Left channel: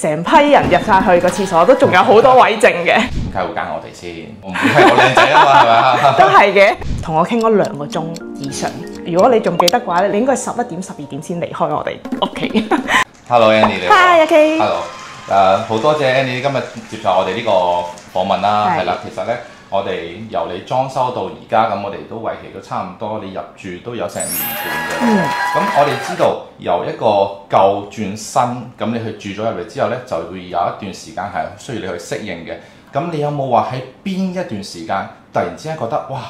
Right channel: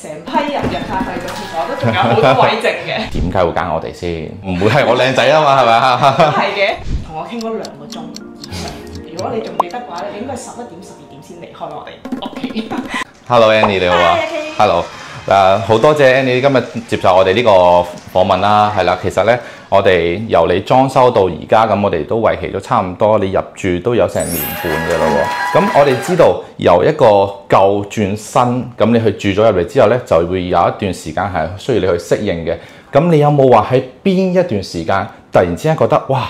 成批人入晒去個廁所，都仲有好多位剩嘅。點解會揀我哋先？唔會係我靚仔啊嘛，係咪啊？都係嘅，同我傾咗2個鐘以上。如果你仲記得嘅話咧，你應該11點、12點先離開我哋屋企。Hello Annie 你好。Hi AK。Hello。好多謝 Annie 今日接受我哋呢個訪問啦，係啦，其實咧我哋由你裝修到而家，咁我哋都為期咗差唔多，你入住都有成年半嘅咯。咁我哋知道由一個舊轉新，咁你去住咗入嚟之後咧，就會有一段時間係需要你去適應嘅。咁你有冇話喺邊一段時間突然之間覺得哇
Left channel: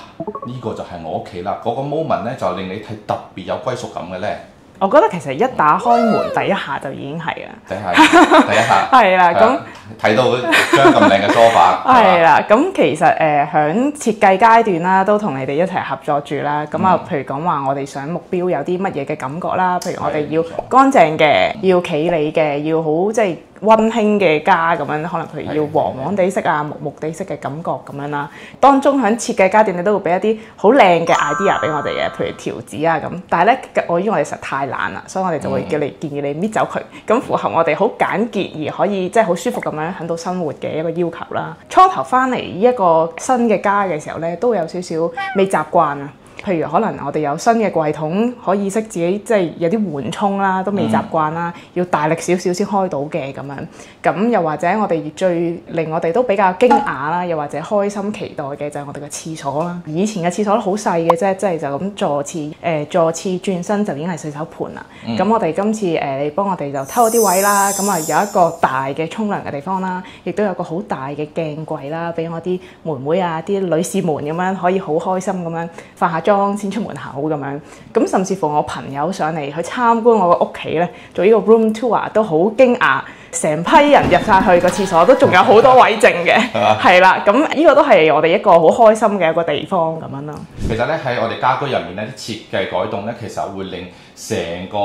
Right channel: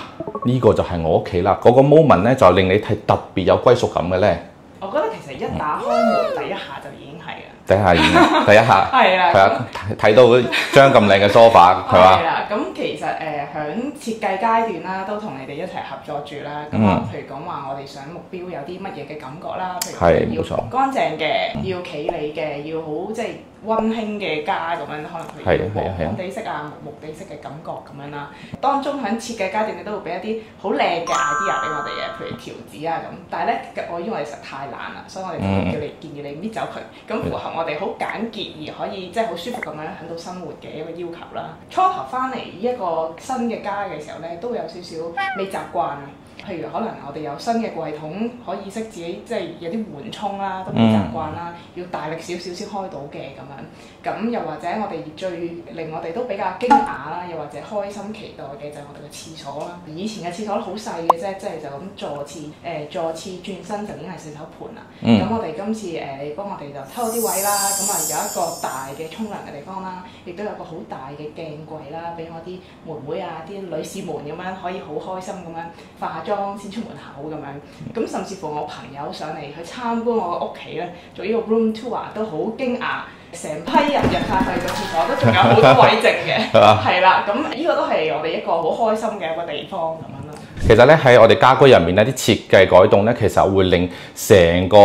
呢個就係我屋企啦？嗰個 moment 咧就令你係特別有歸屬感嘅咧？我覺得其實一打開門第一下就已經係啦，第一下係啦，咁睇到張咁靚嘅 sofa， 係啦，咁其實響設計階段啦，都同你哋一齊合作住啦。咁啊，譬如講話我哋想目標有啲乜嘢嘅感覺啦，譬如我哋要乾淨嘅，要企理嘅，要好即係溫馨嘅家咁樣，可能譬如要黃黃地色啊、木木地色嘅感覺咁樣啦。當中喺設計階段，你都會俾一啲好靚嘅 idea 俾我哋嘅，譬如條子啊咁。但係咧，因為我哋實在太懶啦，所以我哋就會建議你搣走佢，咁符合我哋好簡潔而可以即係好舒服咁樣喺度生活嘅一個要求啦。初頭翻嚟呢一個新嘅家嘅時候咧，都會有少少未習慣啊。譬如可能我哋有新嘅櫃桶，可以識自己即係有啲緩衝啦，都未習慣啦，要大力少少先開到嘅咁樣。咁又或者我哋最令我哋都比較驚訝啦，又或者開心期待嘅就係我哋嘅廁所啦。以前嘅廁所都好細嘅啫，即係就咁座廁轉身就已經係洗手盆啦。咁我哋今次你幫我哋就偷咗啲位啦，咁啊有一個大嘅沖涼嘅地方啦，亦都有個好大嘅鏡櫃啦，俾我啲妹妹啊、啲女士們咁樣可以好開心咁樣化下妝先出門口咁樣。咁甚至乎我朋友上嚟去參觀我個屋企咧，做呢個 room tour 都好驚訝。成批人入晒去個廁所，都仲有好多位剩嘅，係啦。咁呢個都係我哋一個好開心嘅一個地方咁樣咯。其實咧喺我哋家居入面咧，啲設計改動咧，其實會令成個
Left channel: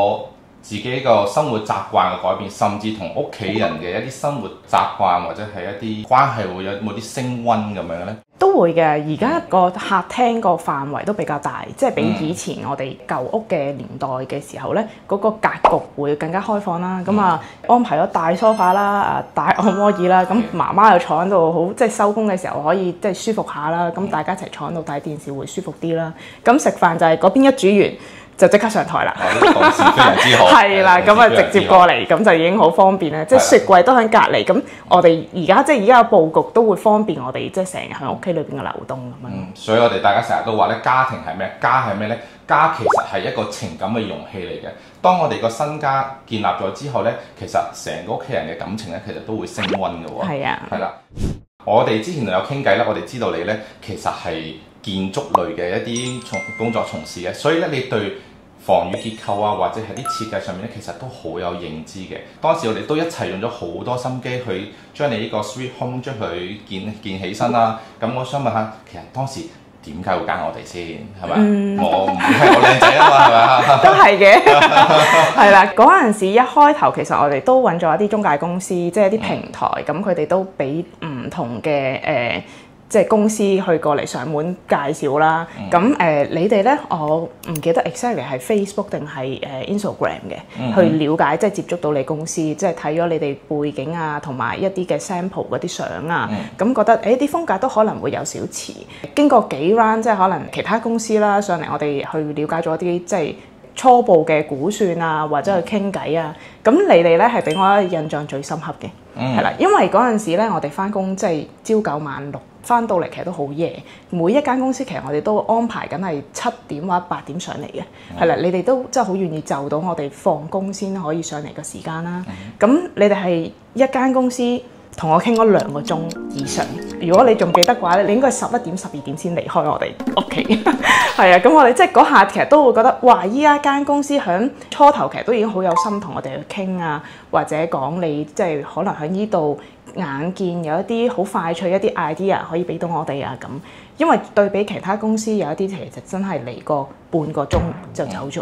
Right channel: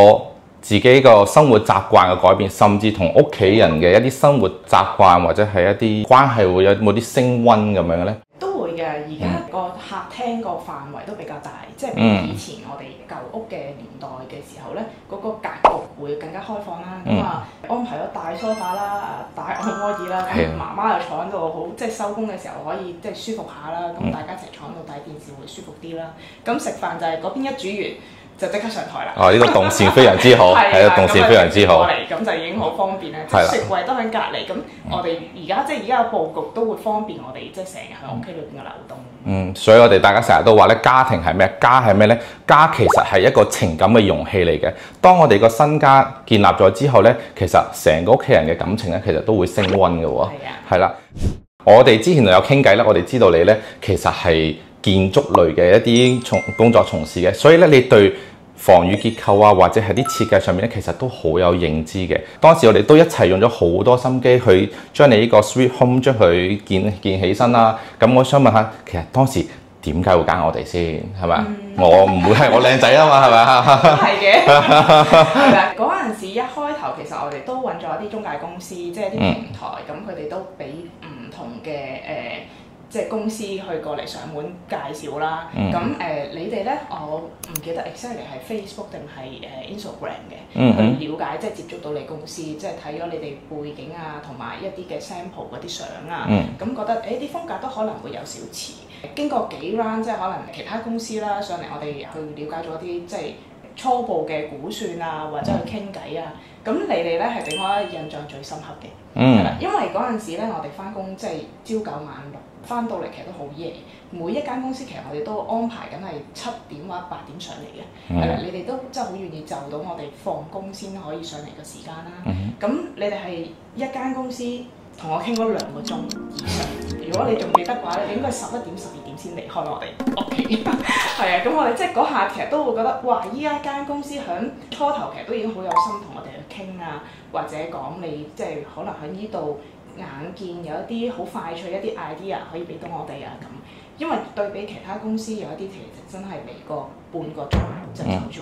自己個生活習慣嘅改變，甚至同屋企人嘅一啲生活習慣或者係一啲關係會有冇啲升溫咁樣咧？都會嘅，而家個客廳個範圍都比較大，即係比以前我哋舊屋嘅年代嘅時候咧，嗰個格局會更加開放啦。咁安排咗大梳化啦、大按摩椅啦，咁媽媽又坐喺度好，即係收工嘅時候可以即係舒服下啦。咁大家一齊坐喺度睇電視會舒服啲啦。咁食飯就係嗰邊一煮完就即刻上台啦！呢個動線非常之好，係啦，咁啊直接過嚟，咁就已經好方便咧。即係雪櫃都喺隔離，咁我哋而家嘅佈局都會方便我哋，即係成日喺屋企裏邊嘅流動。所以我哋大家成日都話咧，家庭係咩？家係咩咧？家其實係一個情感嘅容器嚟嘅。當我哋個新家建立咗之後咧，其實成個屋企人嘅感情咧，其實都會升溫嘅喎。係啊，係啦。我哋之前就有傾偈啦，我哋知道你咧其實係建築類嘅一啲工作從事嘅，所以咧你對防雨結構啊，或者係啲設計上面咧，其實都好有認知嘅。當時我哋都一齊用咗好多心機去將你呢個 Sweet Home 將佢建起身啦。咁我想問下，其實當時點解會揀我哋先？係咪？我唔會係我靚仔啊嘛，係咪啊？都係嘅，係啦。嗰陣時一開頭，其實我哋都揾咗一啲中介公司，即係一啲平台，咁佢哋都俾唔同嘅即係公司去過嚟上門介紹啦。咁你哋咧，我唔記得 exactly 係 Facebook 定係Instagram 嘅，去了解即係接觸到你公司，即係睇咗你哋背景啊，同埋一啲嘅 sample 嗰啲相啊，咁覺得啲風格都可能會有少似。經過幾 round，即係可能其他公司啦上嚟，我哋去了解咗啲即係初步嘅估算啊，或者去傾偈啊。咁你哋咧係俾我印象最深刻嘅，係啦，因為嗰陣時咧我哋翻工即係朝9晚6。翻到嚟其實都好夜，每一間公司其實我哋都安排緊係7點或者8點上嚟嘅，係啦，你哋都真係好願意就到我哋放工先可以上嚟嘅時間啦。咁你哋係一間公司同我傾咗2個鐘以上，如果你仲記得嘅話咧，你應該係11點、12點先離開我哋屋企。係啊，咁我哋即係嗰下其實都會覺得，哇！依家間公司響初頭其實都已經好有心同我哋去傾啊，或者講你即係可能喺呢度眼見有一啲好快脆一啲 idea 可以俾到我哋啊咁，因為對比其他公司有一啲其實真係嚟個半個鐘就走咗，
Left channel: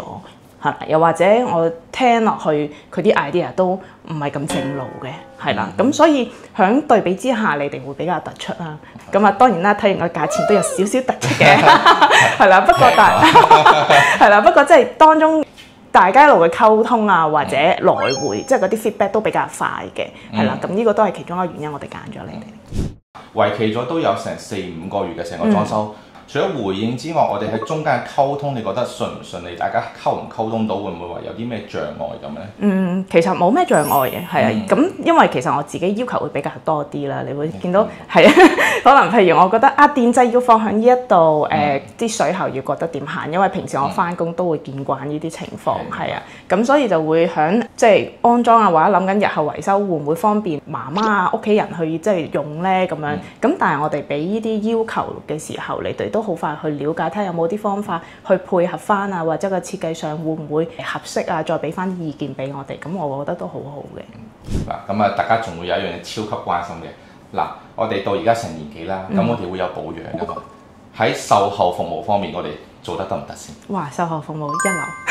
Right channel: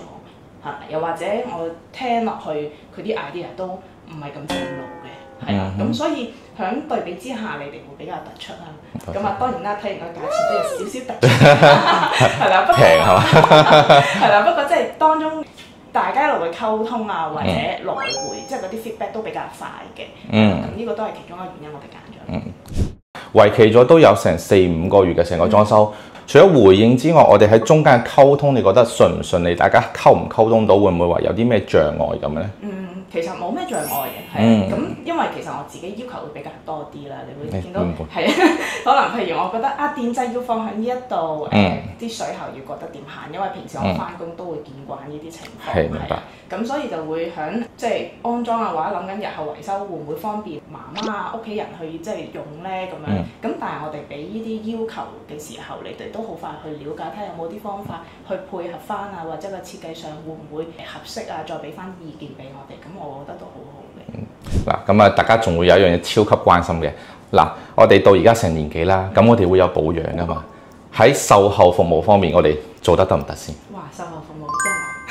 係又或者我聽落去佢啲 idea 都唔係咁正路嘅，係啦，咁所以響對比之下，你哋會比較突出啦。咁啊，當然啦，睇完個價錢都有少少突出嘅，係啦，不過係啦，不過即係當中大家一路嘅溝通啊，或者來回即係嗰啲 feedback 都比較快嘅，係啦。咁呢個都係其中一個原因，我哋揀咗你哋。為期咗都有成4-5個月嘅成個裝修。除咗回應之外，我哋喺中間嘅溝通，你覺得順唔順利？大家溝唔溝通到，會唔會話有啲咩障礙咁咧？其實冇咩障礙嘅，係啊。咁因為其實我自己要求會比較多啲啦，你會見到係啊。可能譬如我覺得電掣要放喺呢一度，啲水喉要覺得點行，因為平時我翻工都會見慣呢啲情況，係啊。咁所以就會響即係安裝啊，或者諗緊日後維修會唔會方便媽媽啊、屋企人去即係用咧咁樣。咁但係我哋俾呢啲要求嘅時候，你哋都好快去了解，睇下有冇啲方法去配合翻啊，或者個設計上會唔會合適啊，再俾翻意見俾我哋，咁我覺得都好好嘅。嗱，咁啊，大家仲會有一樣嘢超級關心嘅，嗱，我哋到而家成年幾啦，咁我哋會有保養㗎嘛，喺售後服務方面，我哋做得唔得先？哇！售後服務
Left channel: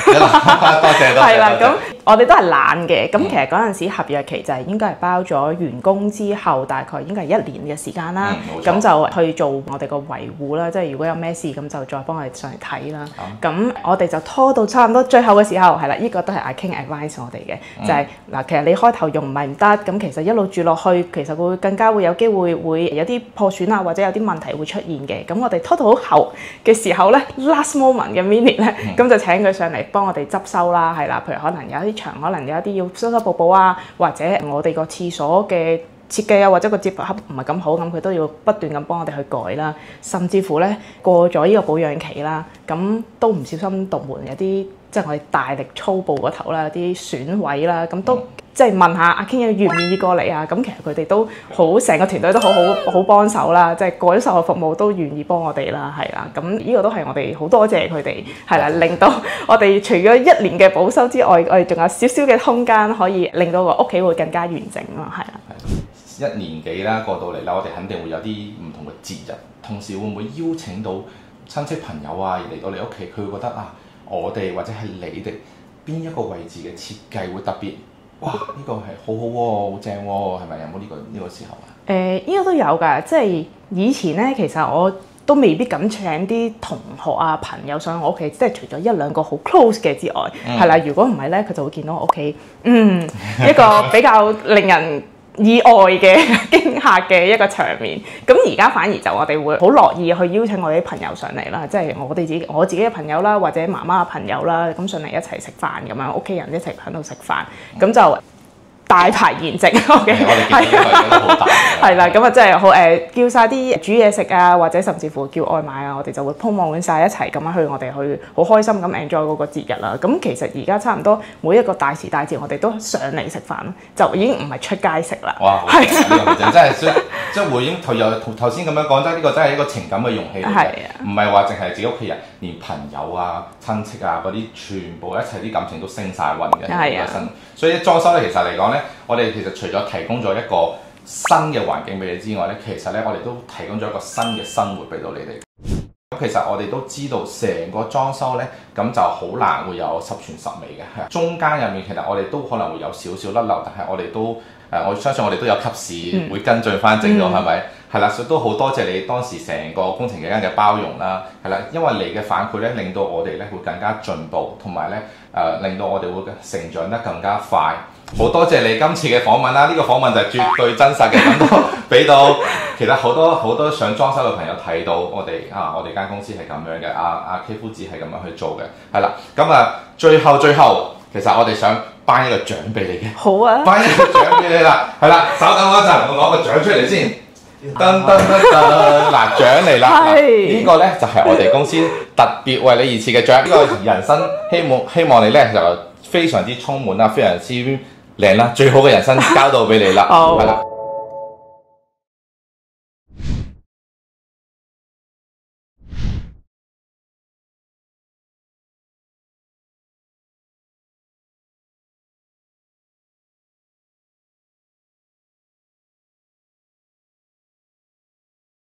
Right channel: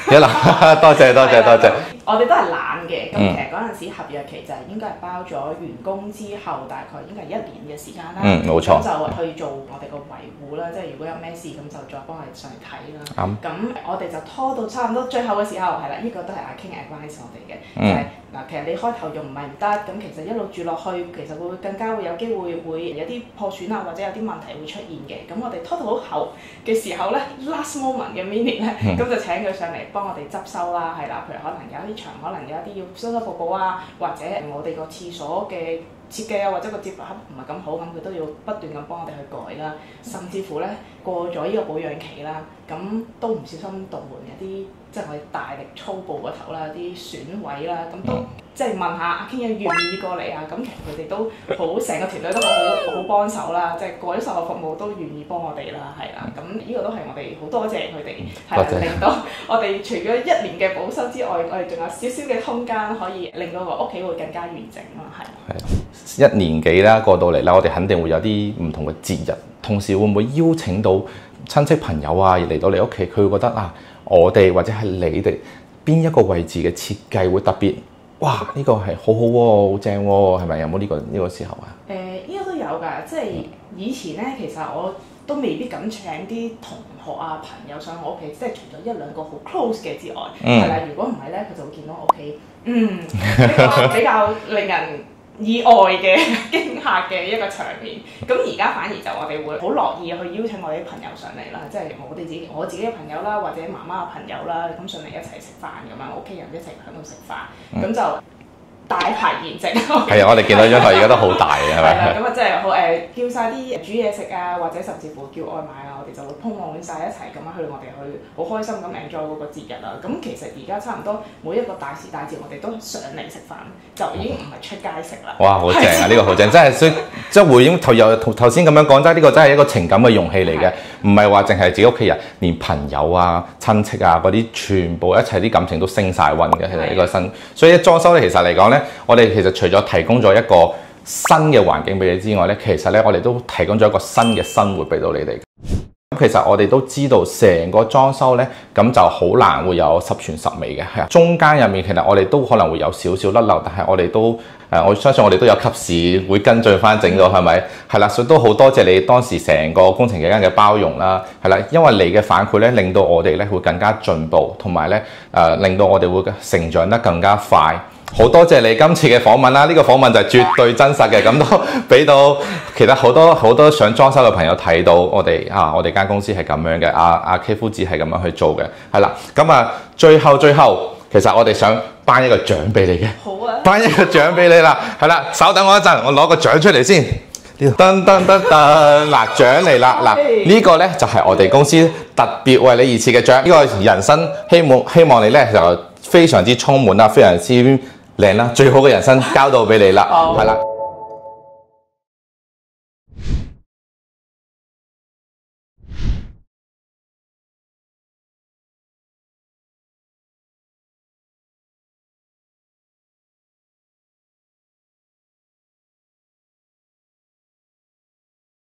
一流，多謝。咁我哋都係懶嘅。咁其實嗰陣時合約期就係應該係包咗完工之後，大概應該係1年嘅時間啦。冇錯。咁就去做我哋個維護啦，即係如果有咩事咁就再幫我哋上嚟睇啦。咁我哋就拖到差唔多最後嘅時候，係啦，呢個都係阿 King advice 我哋嘅，就係嗱，其實你開頭用唔係唔得，咁其實一路住落去，其實會更加會有機會有啲破損啊，或者有啲問題會出現嘅。咁我哋拖到好後嘅時候咧，last moment 嘅 minute 咧，咁就請佢上嚟幫我哋執收啦，係啦，譬如可能有一啲牆，可能有一啲要修修補補啊，或者我哋個廁所嘅設計啊，或者個接駁盒唔係咁好，咁佢都要不斷咁幫我哋去改啦，甚至乎咧過咗呢個保養期啦，咁都唔小心動門有啲即係我哋大力粗暴個頭啦，有啲損位啦，咁都即係問下阿 King 願唔願意過嚟啊？咁其實佢哋都好，成個團隊都好幫手啦，即係過咗售後服務都願意幫我哋啦，係啦，咁呢個都係我哋好多謝佢哋，係啦，令到我哋除咗1年嘅保修之外，我哋仲有少少嘅空間可以令到個屋企會更加完整咯，係啦。1年幾啦，過到嚟啦，我哋肯定會有啲唔同嘅節日，同時會唔會邀請到親戚朋友啊嚟到你屋企，佢會覺得啊，我哋或者係你哋邊一個位置嘅設計會特別？哇！呢個係好好喎，好正喎，係咪有冇呢個時候啊？呢個都有㗎，即係以前咧，其實我都未必敢請啲同學啊朋友上我屋企，即係除咗1-2個好 close 嘅之外，係啦。如果唔係咧，佢就會見到我屋企，一個比較令人意外嘅驚嚇嘅一個場面。咁而家反而就我哋會好樂意去邀請我哋啲朋友上嚟啦，即係我自己嘅朋友啦，或者媽媽嘅朋友啦，咁上嚟一齊食飯咁樣，屋企人一齊喺度食飯，咁就大排筵席。係啊，我哋見到因為而家都好大嘅。係啦，咁啊真係好叫晒啲煮嘢食啊，或者甚至乎叫外賣啊，我哋就會鋪滿晒一齊咁樣去，我哋去好開心咁 enjoy 嗰個節日啦。咁其實而家差唔多每一個大時大節，我哋都上嚟食飯，就已經唔係出街食啦。哇，好正啊！呢個好正，真係即係回應頭先咁樣講，真係呢個真係一個情感嘅容器嚟嘅，唔係話淨係自己屋企人，連朋友啊、親戚啊嗰啲，全部一齊啲感情都升晒溫嘅呢個新。所以裝修咧，其實嚟講咧，我哋其實除咗提供咗一個新嘅環境俾你之外咧，其實咧我哋都提供咗一個新嘅生活俾到你哋。咁其實我哋都知道成個裝修咧，咁就好難會有十全十美嘅，係啊。中間入面其實我哋都可能會有少少甩漏，但係我哋都我相信我哋都有及時會跟進翻整到，係咪？係啦，所以都好多謝你當時成個工程期間嘅包容啦，係啦，因為你嘅反饋咧，令到我哋咧會更加進步，同埋咧令到我哋會成長得更加快。好多謝你今次嘅訪問啦！呢個訪問就係絕對真實嘅，咁都俾到其實好多想裝修嘅朋友睇到我哋間公司係咁樣嘅，阿 K 夫子係咁樣去做嘅，係啦。咁最後其實我哋想頒一個獎俾你嘅。好啊！頒一個獎俾你啦，係啦，稍等我一陣，我攞個獎出嚟先。噔噔噔噔，嗱，獎嚟啦！嗱，呢個咧就係我哋公司特別為你而設嘅獎，呢個人生希望你咧就非常之充滿啦，非常之靚啦，最好嘅人生交到俾你啦，係啦。